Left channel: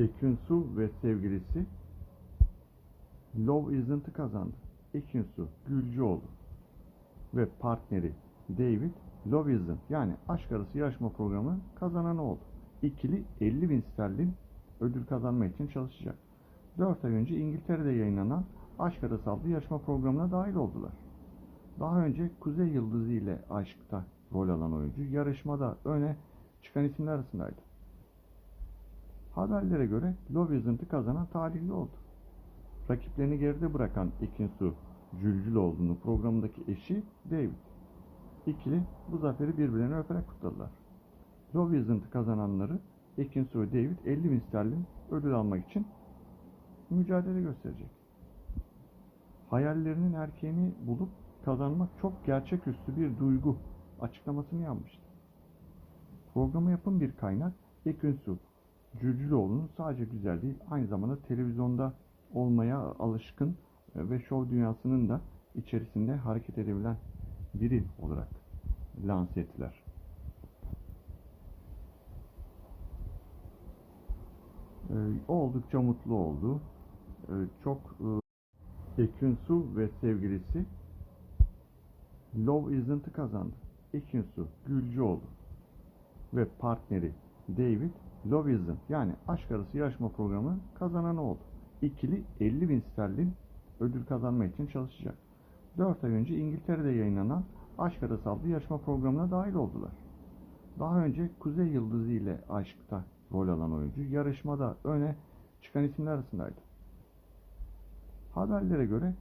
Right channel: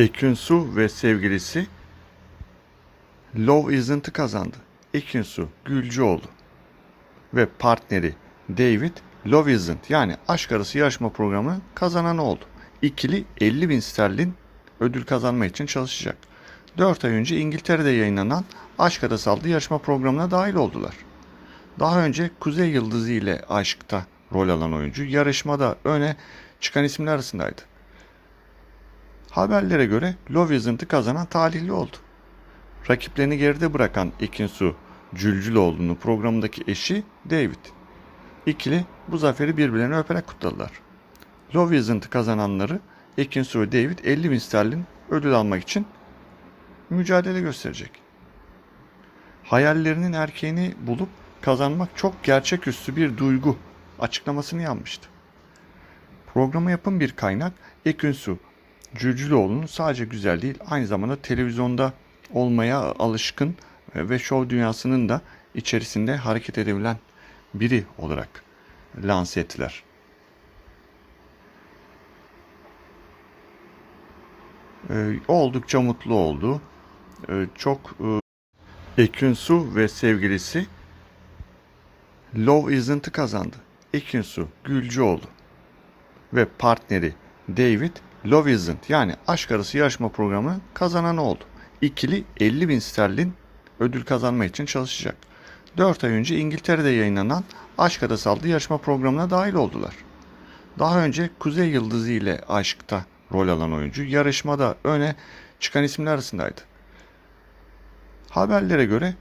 Ekin Su ve sevgilisi Love Isn't'ı kazandı. Ekin Su Gülcüoğlu ve partneri David Love Isn't yani aşk arası yarışma programı kazanan oldu. İkili 50 bin sterlin ödül kazanma için çalışacak. 4 ay önce İngiltere'de yayınlanan Aşk Arası adlı yarışma programına dahil oldular. Daha önce Kuzey Yıldızı ile aşkta rol alan oyuncu yarışmada öne çıkan isimler arasındaydı. Haberlere göre Love Isn't'ı kazanan talihli oldu. Rakiplerini geride bırakan Ekinsu Cülcüloğlu'nun programındaki eşi David. İkili bu zaferi birbirlerine öperek kutladılar. Love Isn't'ı kazananları Ekinsu ve David 50 bin sterlin ödül almak için mücadele gösterecek. Hayallerinin erkeğini bulup kazanmak çok gerçeküstü bir duygu açıklamasını yapmıştı. Programa yapın bir kaynak Ekinsu Cülcüloğlu'nun sadece güzel değil aynı zamanda televizyonda olmaya alışkın ve şov dünyasının da içerisinde hareket edebilen biri olarak lanse ettiler. Ee, oldukça mutlu oldu. Ee, çok e, Ekin Su ve sevgilisi Love Isn't'ı kazandı. Ekin Su Gülcüoğlu ve partneri David Love Isn't yani aşk arası yarışma programı kazanan oldu. İkili 50 bin sterlin ödül kazanma için çalışacak. 4 ay önce İngiltere'de yayınlanan Aşk Arası adlı yarışma programına dahil oldular. Daha önce Kuzey Yıldızı ile aşkta rol alan oyuncu yarışmada öne çıkan isimler arasındaydı. Haberlere göre